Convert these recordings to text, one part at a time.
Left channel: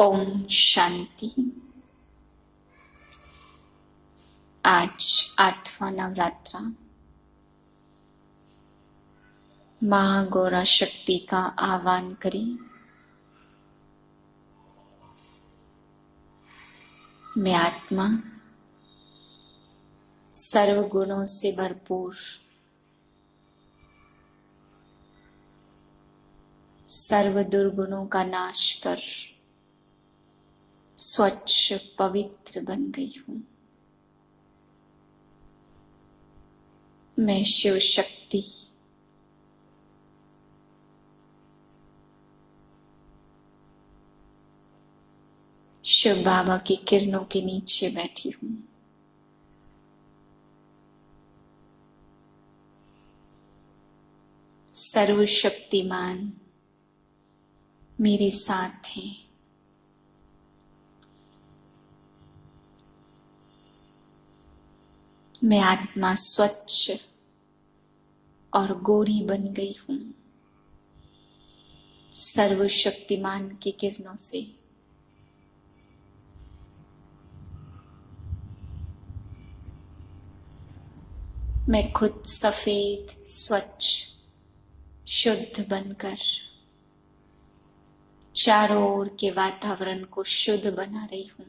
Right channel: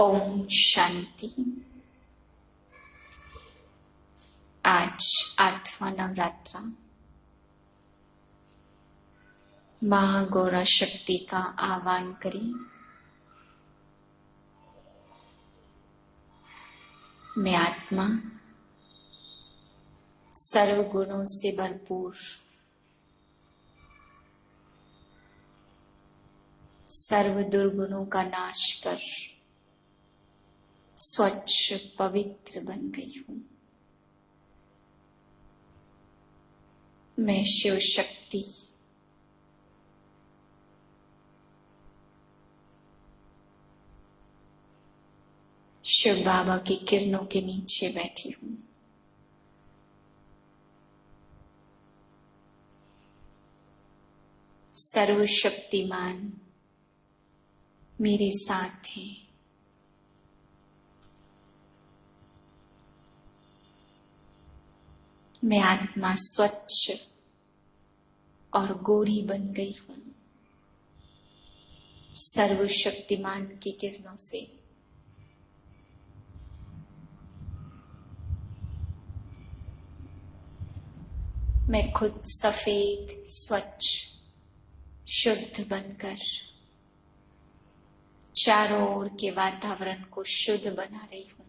ओम शांति। आज 8वां नवरात्रा माँ गौरा शक्ति का आह्वान करें। मैं आत्मा सर्व गुणों से भरपूर, सर्व दुर्गुणों का नाश कर स्वच्छ पवित्र बन गई हूँ। मैं शिव शक्ति शिव बाबा की किरणों के नीचे बैठी हूँ। सर्वशक्तिमान मेरे साथ हैं। मैं आत्मा स्वच्छ और गोरी बन गई हूँ सर्वशक्तिमान की किरणों से। मैं खुद सफेद, स्वच्छ, शुद्ध बनकर चारों ओर के वातावरण को शुद्ध बना रही हूँ।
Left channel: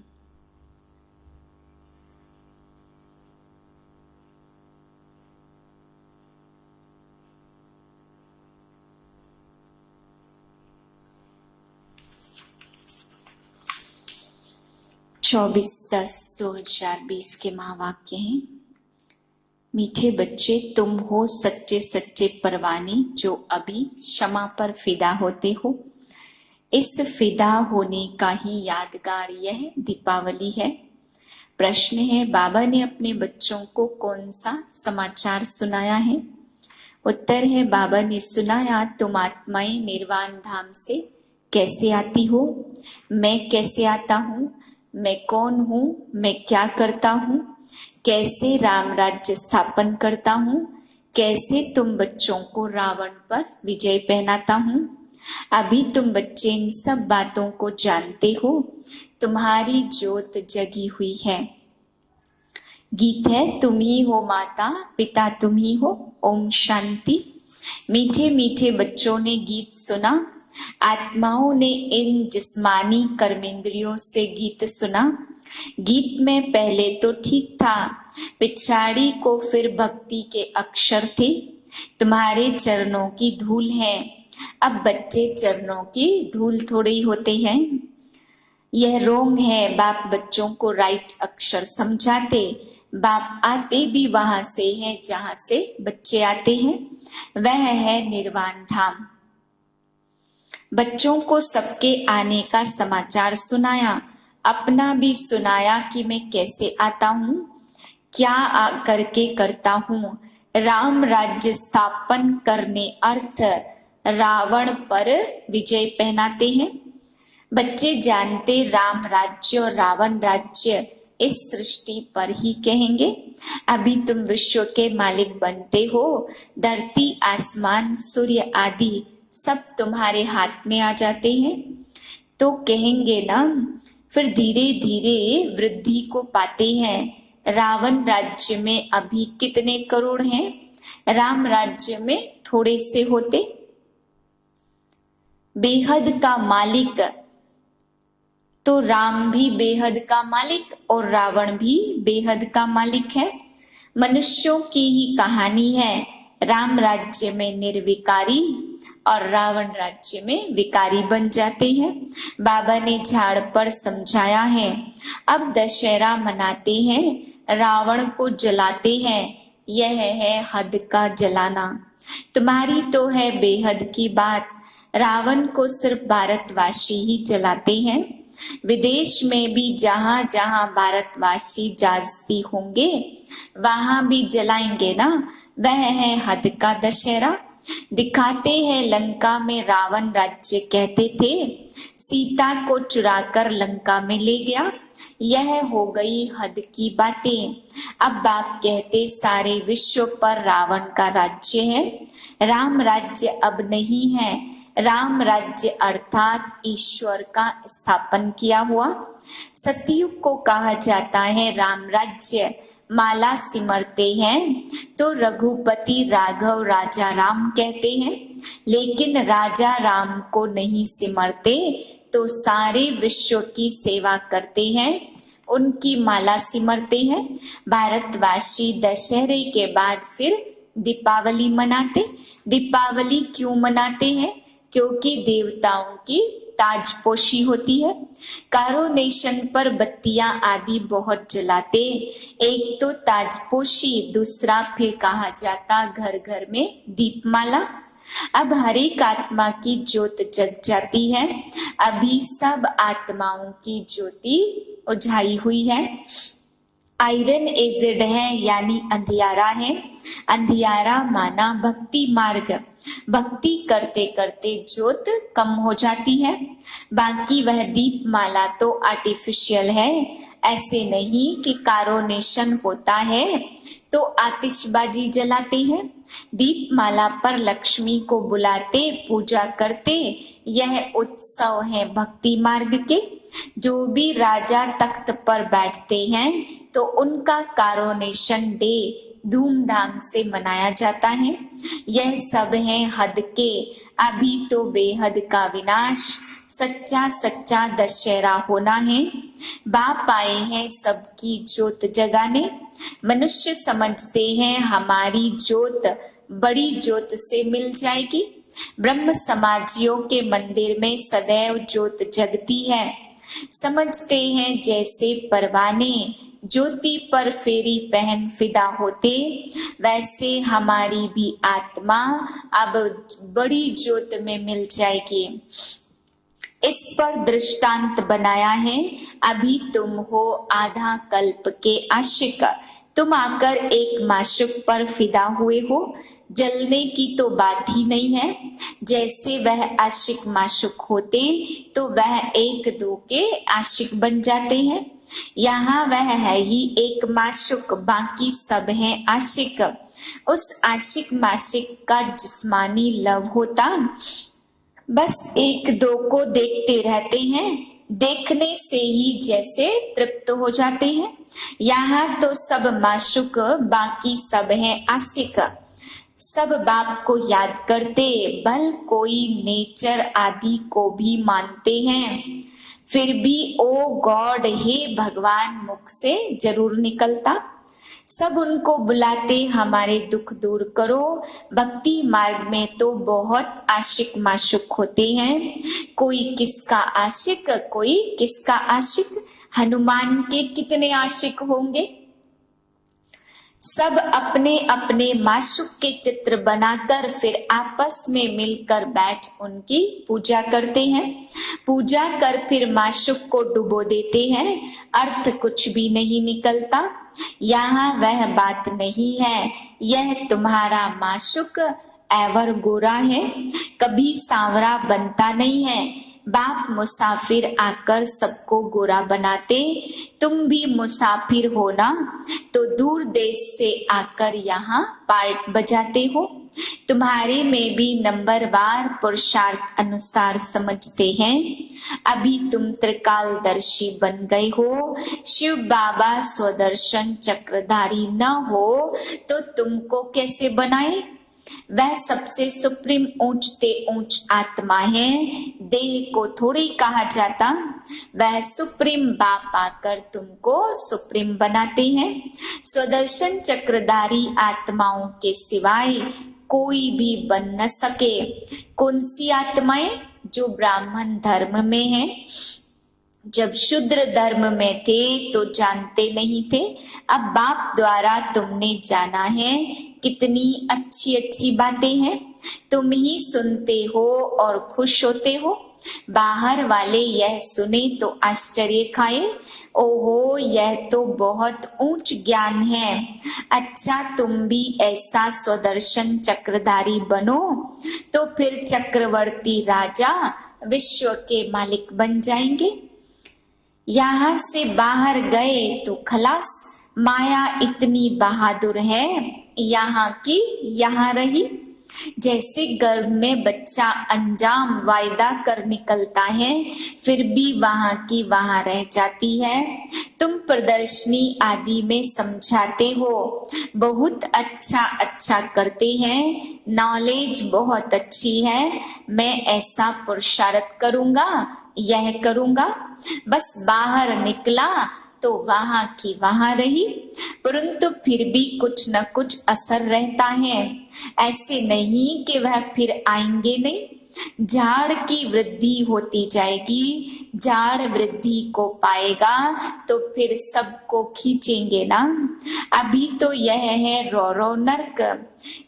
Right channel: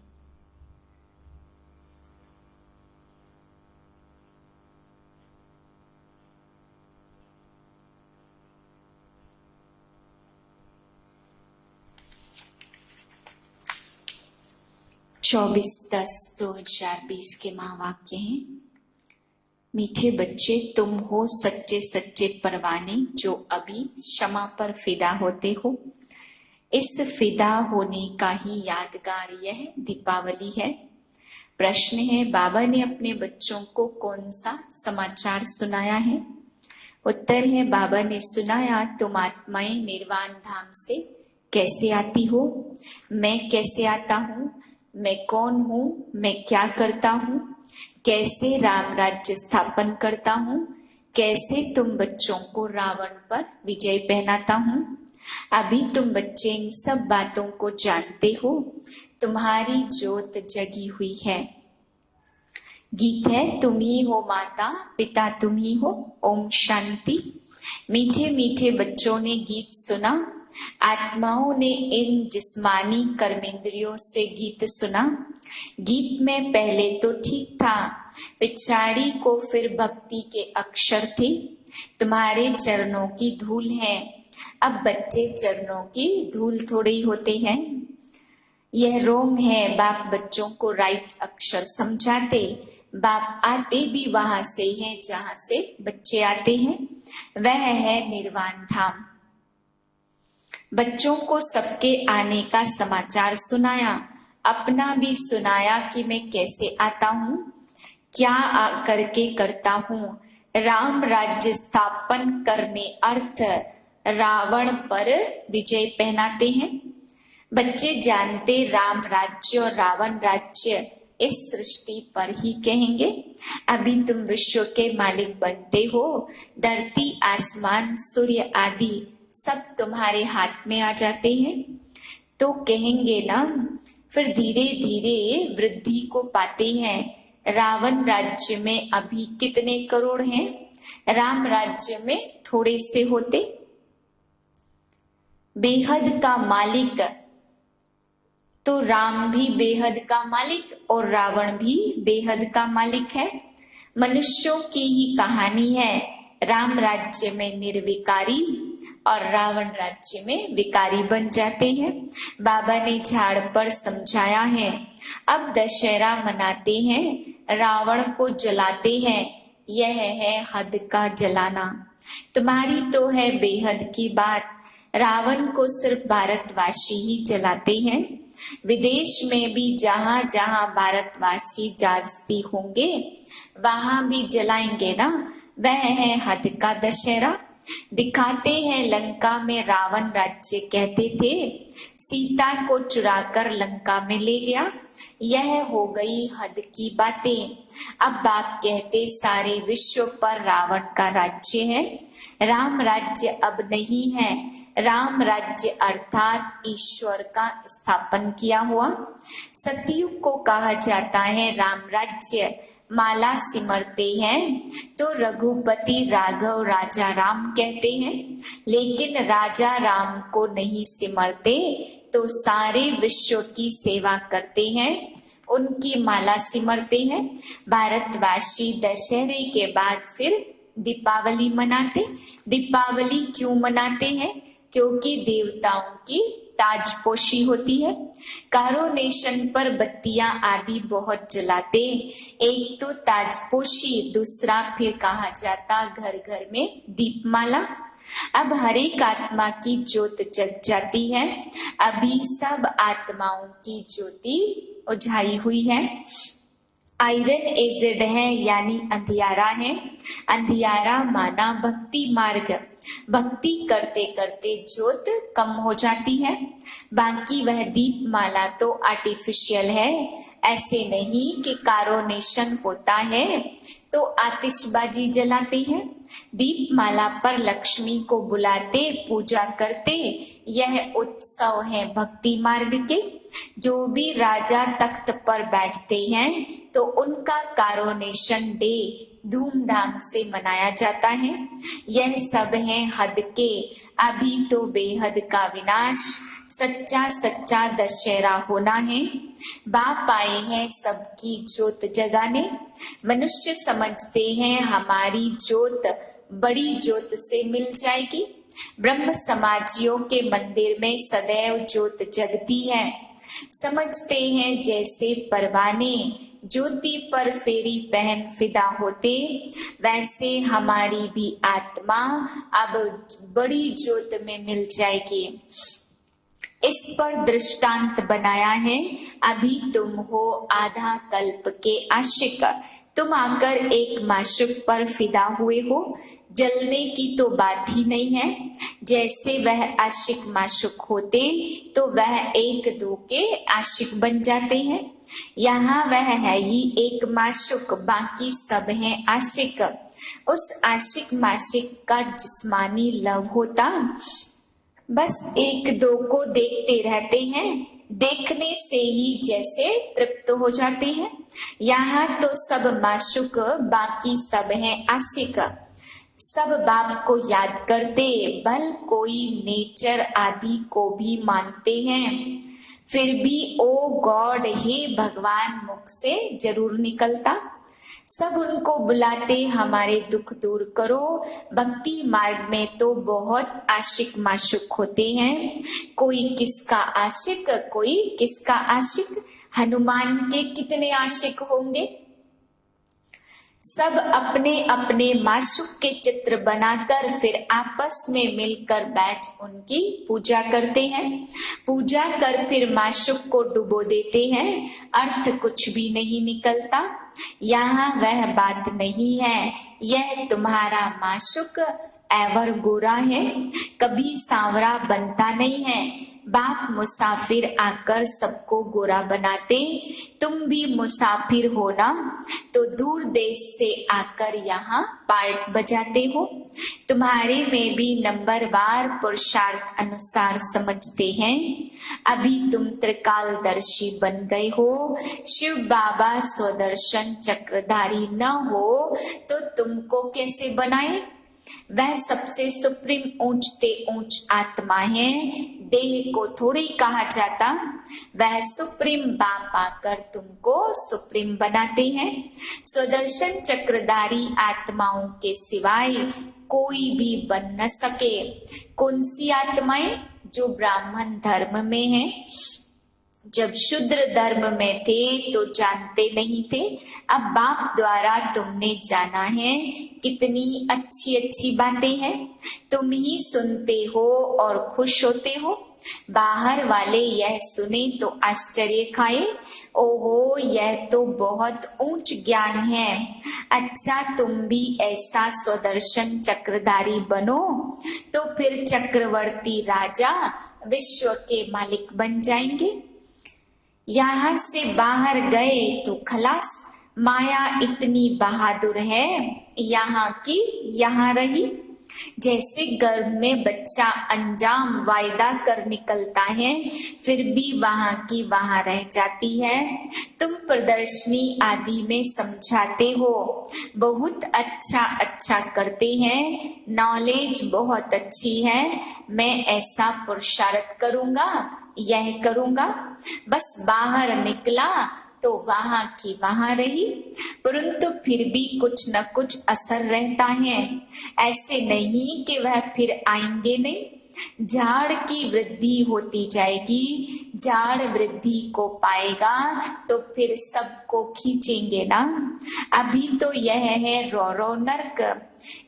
चौबीस 10/2020 के महावाक्य हैं। मीठे बच्चे, तुम हो सच्चे सच्चे परवाने जो अभी क्षमा पर फिदा होते हो। इस फिदा होने का ही यादगार यह दीपावली है। प्रश्न है, बाबा ने अपने बच्चों को कौन सा समाचार सुनाया है? उत्तर है, बाबा ने सुनाया, तुम आत्माएं निर्वाण धाम से कैसे आती हो, मैं कैसे आता हूँ, मैं कौन हूँ, मैं क्या करता हूँ, कैसे राम राज्य स्थापन करता हूँ, कैसे तुम बच्चों को रावण पर विजय पहनाता हूँ। अभी तुम बच्चे इन सब बातों को जानते हो। तुम्हारी ज्योत जगी हुई है। गीत है, तुम ही हो माता पिता, तुम ही हो। ओम शांति। मीठे मीठे बच्चों ने गीत सुना। आत्माओं ने इन जिस्मानी कर्मेंद्रियों से गीत सुना। गीत में पहले तो ठीक था, पिछाड़ी को फिर भक्ति के अक्षर थे। तुम्हारे चरणों की धूल है। अब बच्चे चरणों की धूल थोड़े ही होते हैं। यह रोंग है। बाप बच्चों को राइट अक्षर समझाते। बाप आते भी वहां से हैं जहां से बच्चे आते हैं। वह है निर्वाण धाम। बच्चों को सबके आने का समाचार सुनाया, अपना भी सुनाया कि मैं कैसे आता हूँ, क्या करके करता हूँ। राम राज्य स्थापन करने अर्थ रावण पर विजय पहनाते हैं। बच्चे जानते राम राज्य और रावण राज्य इस सृष्टि पर ही कहेंगे। अभी तुम विश्व के मालिक बनते हो। धरती, आसमान, सूर्य आदि सब तुम्हारे हाथ में आ जाते हैं तो कहेंगे ना, फिर धीरे धीरे वृद्धि को पाते हैं। रावण राज्य में अभी कितने करोड़ हैं, राम राज्य में थोड़े से होते। बेहद का मालिक तो राम भी बेहद का मालिक और रावण भी बेहद का मालिक है। मनुष्यों की ही कहानी है। राम राज्य में निर्विकारी और रावण राज्य में विकारी बन जाते हैं। बाबा ने झाड़ पर समझाया है। अब दशहरा मनाते हैं, रावण को जलाते हैं। यह है हद का जलाना। तुम्हारी तो है बेहद की बात। रावण को सिर्फ भारतवासी ही जलाते हैं। विदेश में भी जहां जहां भारतवासी जाती होंगे वहां भी जलाएंगे ना। वह है हद का दशहरा। दिखाते हैं लंका में रावण राज्य कहते थे, सीता को चुराकर लंका में ले गया। यह हो गई हद की बातें। अब बाप कहते सारे विश्व पर रावण का राज्य है। राम राज्य अब नहीं है। राम राज्य अर्थात ईश्वर का स्थापन किया हुआ। सतयुग को कहा जाता है राम राज्य। माला सिमरते हैं तो रघुपति राघव राजा राम कहते हैं, लेकिन राजा राम को नहीं सिमरते तो सारे विश्व की सेवा करते हैं, उनकी माला सिमरते हैं। भारतवासी दशहरे के बाद फिर दीपावली मनाते। दीपावली क्यों मनाते हैं? क्योंकि देवताओं की ताजपोशी होती है। कारोनेशन पर बत्तियां आदि बहुत जलाते। एक तो ताजपोशी, दूसरा फिर कहा जाता घर घर में दीपमाला। अब हर एक आत्मा की ज्योत जग जाती है। अभी सब आत्माओं की ज्योति उझाई हुई है। आयरन एजेड है यानी अंधियारा है। अंधियारा माना भक्ति मार्ग। भक्ति करते करते ज्योत कम हो जाती है। बाकी वह दीप माला तो आर्टिफिशियल है। ऐसे नहीं कि कारोनेशन होता है तो आतिशबाजी जलाते हैं। दीप माला पर लक्ष्मी को बुलाते, पूजा करते। यह उत्सव है भक्ति मार्ग के। जो भी राजा तख्त पर बैठते हैं तो उनका कारोनेशन डे धूमधाम से मनाया जाता है। यह सब है हद के, अभी तो बेहद का विनाश। सच्चा सच्चा दशहरा होना है। बाप आए हैं सबकी ज्योत जगाने। मनुष्य समझते हैं हमारी ज्योत बड़ी ज्योत से मिल जाएगी। ब्रह्म समाजियों के मंदिर में सदैव ज्योत जगती है। समझते हैं जैसे परवाने ज्योति पर फेरी पहन फिदा होते, वैसे हमारी भी आत्मा अब बड़ी ज्योत में मिल जाएगी। इस पर दृष्टांत बनाया है। अभी तुम हो आधा कल्प के आशिक। तुम आकर एक माशुक पर फिदा हुए हो। जलने की तो बात ही नहीं है। जैसे वह आशिक माशुक होते तो वह एक दो के आशिक बन जाते हैं। यहाँ वह है ही एक माशुक, बाकी सब हैं आशिक। उस आशिक माशिक का जिस्मानी लव होता, बस एक दो को देखते रहते हैं। देखने से ही जैसे तृप्त हो जाते हैं। यहाँ तो सब माशुक, बाकी सब हैं आशिक। सब बाप को याद करते, बल कोई नेचर आदि को भी मानते हैं। फिर भी ओ गॉड, हे भगवान मुख से जरूर निकलता। सब उनको बुलाते, हमारे दुख दूर करो। भक्ति मार्ग में तो बहुत आशिक माशुक होते हैं। कोई किसका आशिक, कोई किसका आशिक। हनुमान के कितने आशिक होंगे। सब अपने अपने माशुक के चित्र बनाकर फिर आपस में मिलकर बैठ उनकी पूजा करते हैं। पूजा कर फिर माशुक को डुबो देते हैं। अर्थ कुछ भी नहीं निकलता। यहाँ वह बात नहीं है। यह तुम्हारा माशुक एवर गोरा है, कभी सांवरा बनता नहीं है। बाप मुसाफिर आकर सबको गोरा बनाते। तुम भी मुसाफिर हो ना, तो दूर देश से आकर यहाँ पार्ट बजाते हो। तुम्हारे में भी नंबरवार पुरुषार्थ अनुसार समझते हैं। अभी तुम त्रिकालदर्शी बन गए हो। शिव बाबा स्वदर्शन चक्रधारी न हो तो तुमको कैसे बनाए। वह सबसे सुप्रीम ऊंचते ऊंच आत्मा है। देह को थोड़ी कहा जाता। वह सुप्रीम बाप आकर तुमको सुप्रीम बनाते हैं। स्वदर्शन चक्रधारी आत्माओं के सिवाय कोई भी बन न सके। कौन सी आत्माएं? जो ब्राह्मण धर्म में है। जब शूद्र धर्म में थे तो जानते नहीं थे। अब बाप द्वारा तुमने जाना है। कितनी अच्छी अच्छी बातें हैं। तुम ही सुनते हो और खुश होते हो। बाहर वाले यह सुने तो आश्चर्य खाए। ओहो, यह तो बहुत ऊंच ज्ञान है। अच्छा, तुम भी ऐसा स्वदर्शन चक्रधारी बनो तो फिर चक्रवर्ती राजा विश्व के मालिक बन जाएंगे। यहाँ से बाहर गए तो खलास। माया इतनी बहादुर है, यहाँ की यहाँ रही। जैसे गर्भ में बच्चा अंजाम वायदा कर निकलता है, फिर भी वहां की वहां रह जाती है। तुम प्रदर्शनी आदि में समझाते हो, बहुत अच्छा अच्छा करते हैं, नॉलेज बहुत अच्छी है। मैं ऐसा पुरुषार्थ करूंगा, यह करूंगा। बस बाहर निकला तो वहां की वहां रही, परंतु फिर भी कुछ न कुछ असर रहता है। ऐसे नहीं कि वह फिर आएंगे नहीं। झाड़ की वृद्धि होती जाएगी, झाड़ वृद्धि को पाएगा तो फिर सबको खींचेंगे ना। अभी तो यह है रौरव नर्क।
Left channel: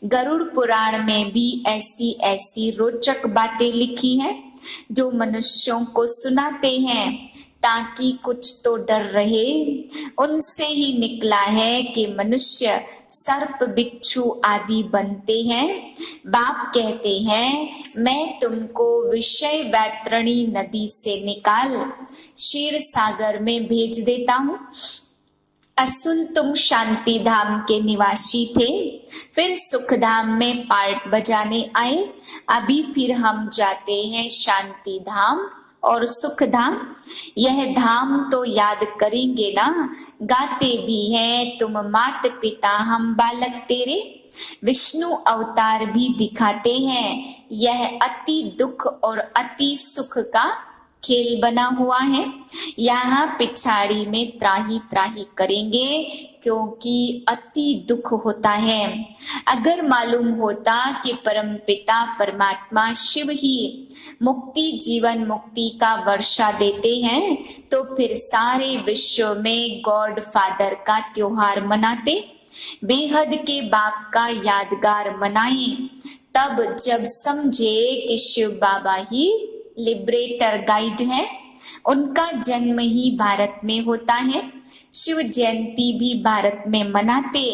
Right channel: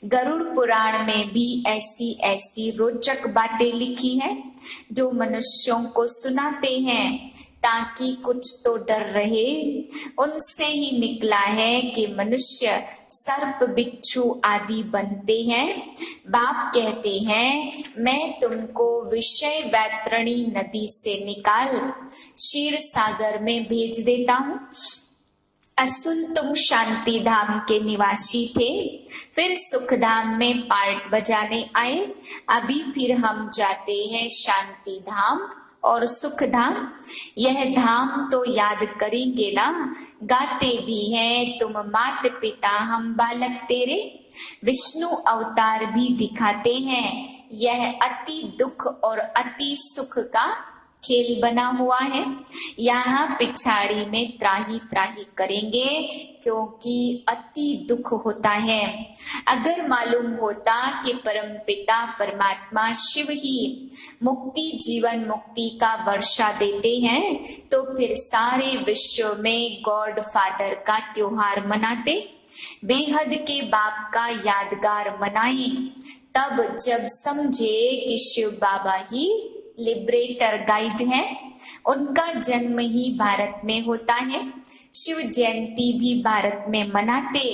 गरुड़ पुराण में भी ऐसी ऐसी रोचक बातें लिखी हैं जो मनुष्यों को सुनाते हैं ताकि कुछ तो डर रहे। उनसे ही निकला है कि मनुष्य सर्प बिच्छू आदि बनते हैं। बाप कहते हैं, मैं तुमको विषय वैतरणी नदी से निकाल क्षीर सागर में भेज देता हूँ। असुन तुम शांति धाम के निवासी थे, फिर सुख धाम में पार्ट बजाने आए। अभी फिर हम जाते हैं शांति धाम और सुख धाम। यह धाम तो याद करेंगे ना, गाते भी हैं, तुम मात पिता हम बालक तेरे। विष्णु अवतार भी दिखाते हैं, यह अति दुख और अति सुख का खेल बना हुआ है। यहाँ पिछाड़ी में त्राही त्राही करेंगे क्योंकि अति दुख होता है। अगर मालूम होता कि परम पिता परमात्मा शिव ही मुक्ति जीवन मुक्ति का वर्षा देते हैं तो फिर सारे विश्व में गॉड फादर का त्योहार मनाते, बेहद के बाप का यादगार मनाए। तब जब समझे कि शिव बाबा ही लिबरेटर गाइड है, उनका जन्म ही भारत में होता है। शिव जयंती भी भारत में मनाते,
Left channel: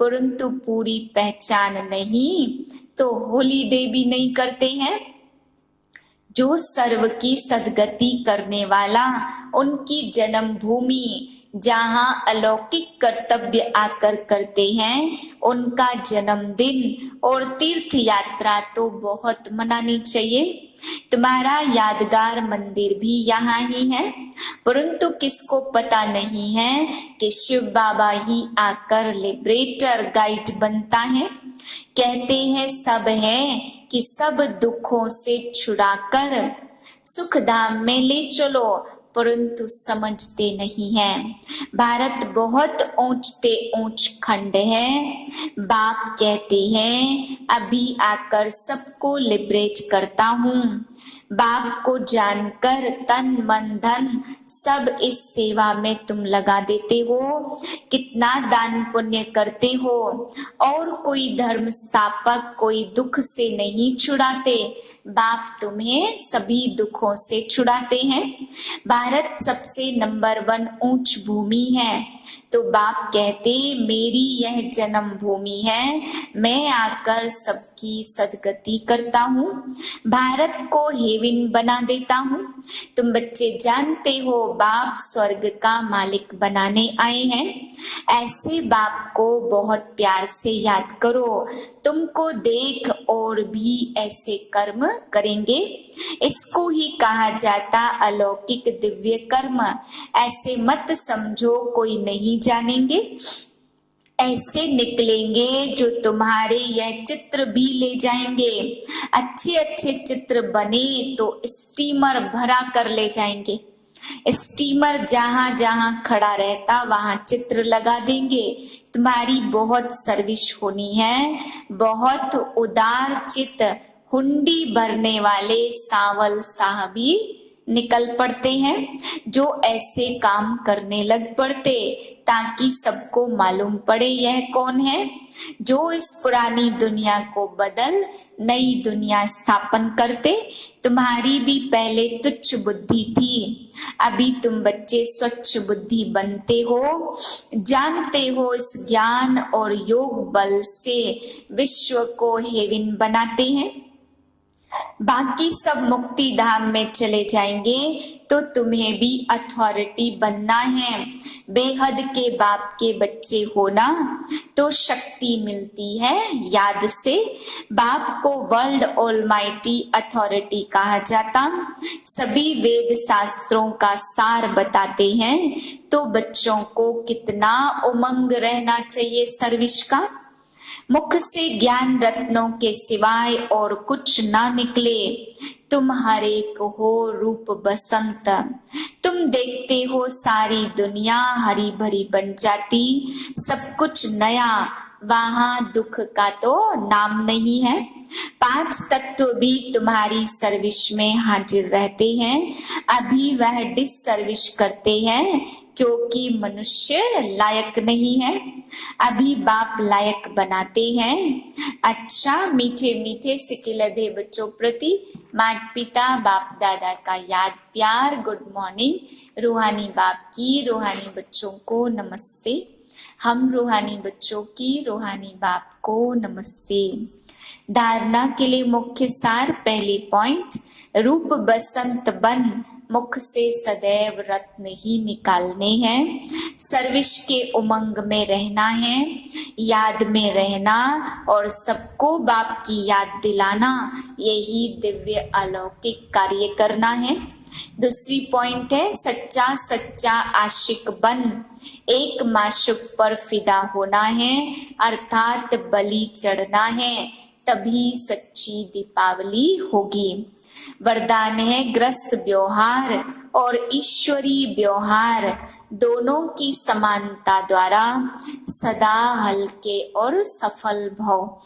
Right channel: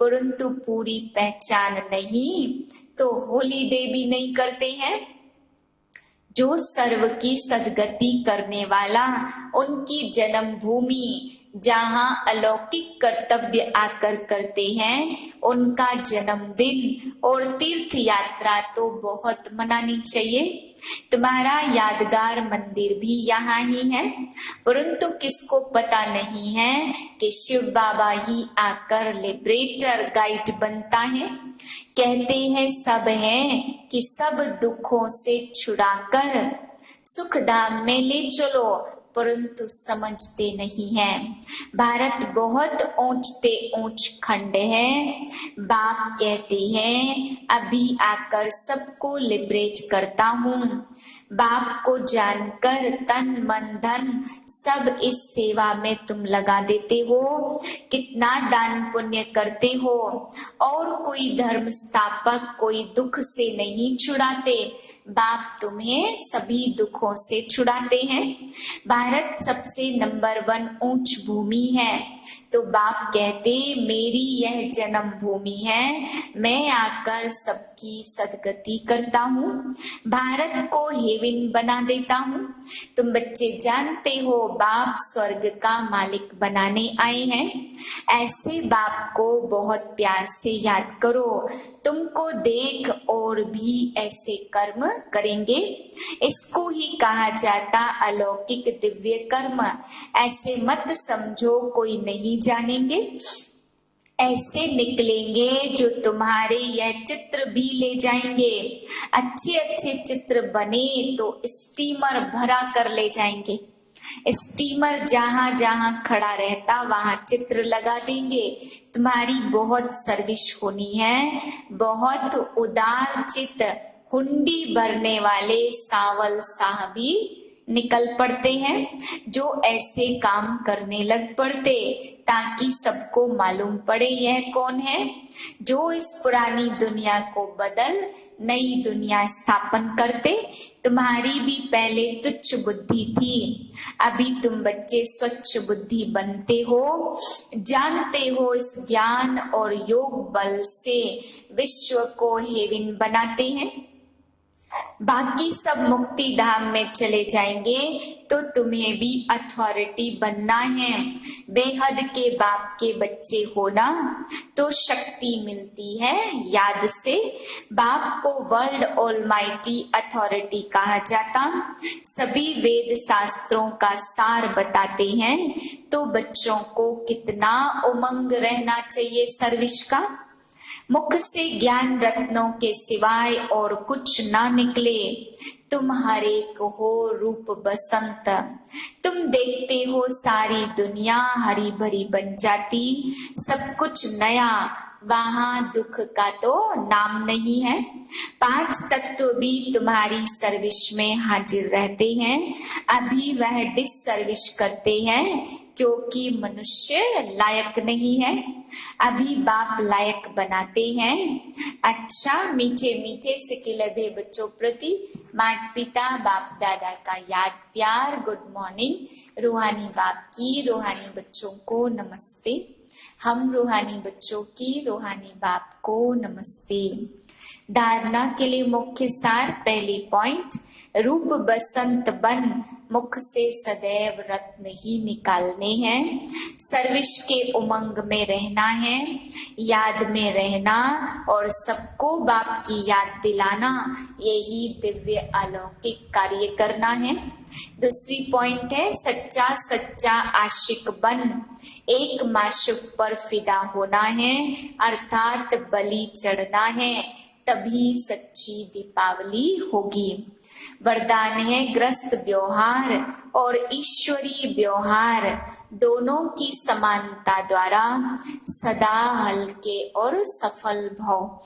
परंतु पूरी पहचान नहीं तो हॉलीडे भी नहीं करते हैं। जो सर्व की सदगति करने वाला, उनकी जन्मभूमि जहाँ अलौकिक कर्तव्य आकर करते हैं, उनका जन्मदिन और तीर्थ यात्रा तो बहुत मनानी चाहिए। तुम्हारा यादगार मंदिर भी यहाँ ही है, परंतु किसको पता नहीं है कि शिव बाबा ही आकर लिबरेटर गाइड बनता है। कहते हैं सब है कि सब दुखों से छुड़ाकर सुख धाम में ले चलो, परंतु समझते नहीं हैं। भारत बहुत ऊंचते ऊंच खंड है। बाप कहते हैं अभी आकर सबको लिबरेट करता हूँ। बाप को जानकर तन मन धन सब इस सेवा में तुम लगा देते हो। कितना दान पुण्य करते हो और कोई धर्म स्थापक कोई दुख से नहीं छुड़ाते। बाप तुम्हें सभी दुखों से छुड़ाते हैं। भारत सबसे नंबर 1 ऊंच भूमि है, तो बाप कहते मेरी यह जन्म भूमि है, मैं आकर सबकी सदगति करता हूँ, भारत को हेवन बना देता हूँ। तुम बच्चे जानते हो बाप स्वर्ग का मालिक बनाने आए हैं। ऐसे बाप को बहुत प्यार से याद करो, तुमको देख और भी ऐसे कर्म करेंगे। इसको ही कहा जाता अलौकिक दिव्य कर्म। ऐसे मत समझो कोई नहीं जानेंगे। ऐसे निकलेंगे जो तुम्हारे यह चित्र भी ले जाएंगे। अच्छे अच्छे चित्र बने तो स्टीमर भरा कर ले जाएंगे। स्टीमर जहां जहां खड़ा रहता वहां चित्र लगा देंगे। तुम्हारी बहुत सर्विस होनी है। बहुत उदार चित्त हुंडी भरने वाले सावल साहब ही निकल पड़ते हैं, जो ऐसे काम करने लग पड़ते ताकि सबको मालूम पड़े यह कौन है जो इस पुरानी दुनिया को बदल नई दुनिया स्थापन करते। तुम्हारी भी पहले तुच्छ बुद्धि थी, अभी तुम बच्चे स्वच्छ बुद्धि बनते हो। जानते हो इस ज्ञान और योग बल से विश्व को हेवन बनाते हैं। बाकी सब मुक्ति धाम में चले जाएंगे तो तुम्हें भी अथॉरिटी बनना है। बेहद के बाप के बच्चे होना तो शक्ति मिलती है याद से। बाप को वर्ल्ड ऑलमाइटी अथॉरिटी कहा जाता। सभी वेद शास्त्रों का सार बताते हैं तो बच्चों को कितना उमंग रहना चाहिए सर्विस का। मुख से ज्ञान रत्नों के सिवाय और कुछ ना निकले। तुम हर एक हो रूप बसंत। तुम देखते हो सारी दुनिया हरी भरी बन जाती। सब कुछ नया वहां दुख का तो नाम नहीं है। 5 तत्व भी तुम्हारी सर्विस में हाजिर रहते हैं। अभी वह डिस सर्विस करते हैं क्योंकि मनुष्य लायक नहीं है। अभी बाप लायक बनाते हैं। अच्छा मीठे मीठे सिकिलधे बच्चों प्रति माता पिता बाप दादा का याद प्यार गुड मॉर्निंग। रूहानी बाप की रूहानी बच्चों को नमस्ते। हम रूहानी बच्चों की रूहानी बाप को नमस्ते। धारणा के लिए मुख्य सार पहली पॉइंट, रूप बसंत बन मुख से सदैव रत्न ही निकालने हैं। सर्विस के उमंग में रहना है, याद में रहना और सबको बाप की याद दिलाना, यही दिव्य अलौकिक कार्य करना है। दूसरी पॉइंट है सच्चा सच्चा आशिक बन एक माशुक पर फिदा होना है, अर्थात बलि चढ़ना है, तभी सच्ची दीपावली होगी। वरदान है ग्रस्त व्यवहार और ईश्वरीय व्यवहार दोनों की समानता द्वारा सदा हल्के और सफल भव।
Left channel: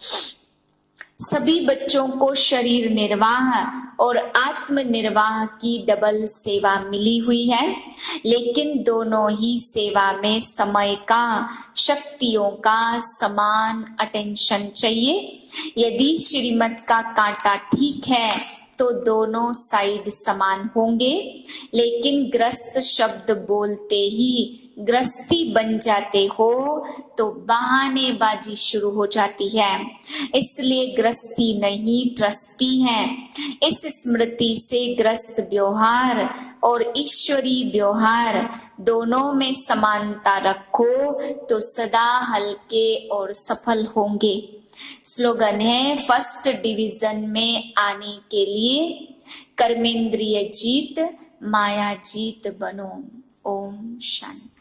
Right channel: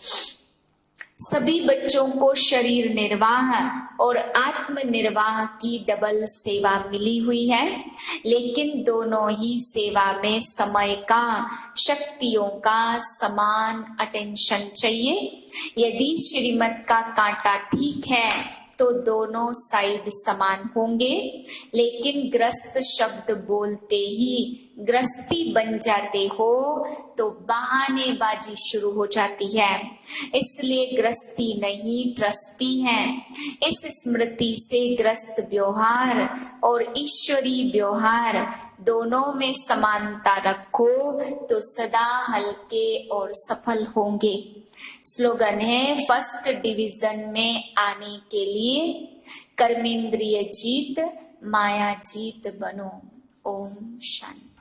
सभी बच्चों को शरीर निर्वाह और आत्म निर्वाह की डबल सेवा मिली हुई है, लेकिन दोनों ही सेवा में समय का शक्तियों का समान अटेंशन चाहिए। यदि श्रीमत का कांटा ठीक है तो दोनों साइड समान होंगे, लेकिन ग्रस्त शब्द बोलते ही ग्रस्ती बन जाते हो तो बहानेबाजी शुरू हो जाती है। इसलिए ग्रस्ती नहीं ट्रस्टी है। इस स्मृति से ग्रस्त व्यवहार और ईश्वरीय व्यवहार दोनों में समानता रखो तो सदा हल्के और सफल होंगे। स्लोगन है फर्स्ट डिवीजन में आने के लिए कर्मेंद्रिय जीत माया जीत बनो। ओम शांति।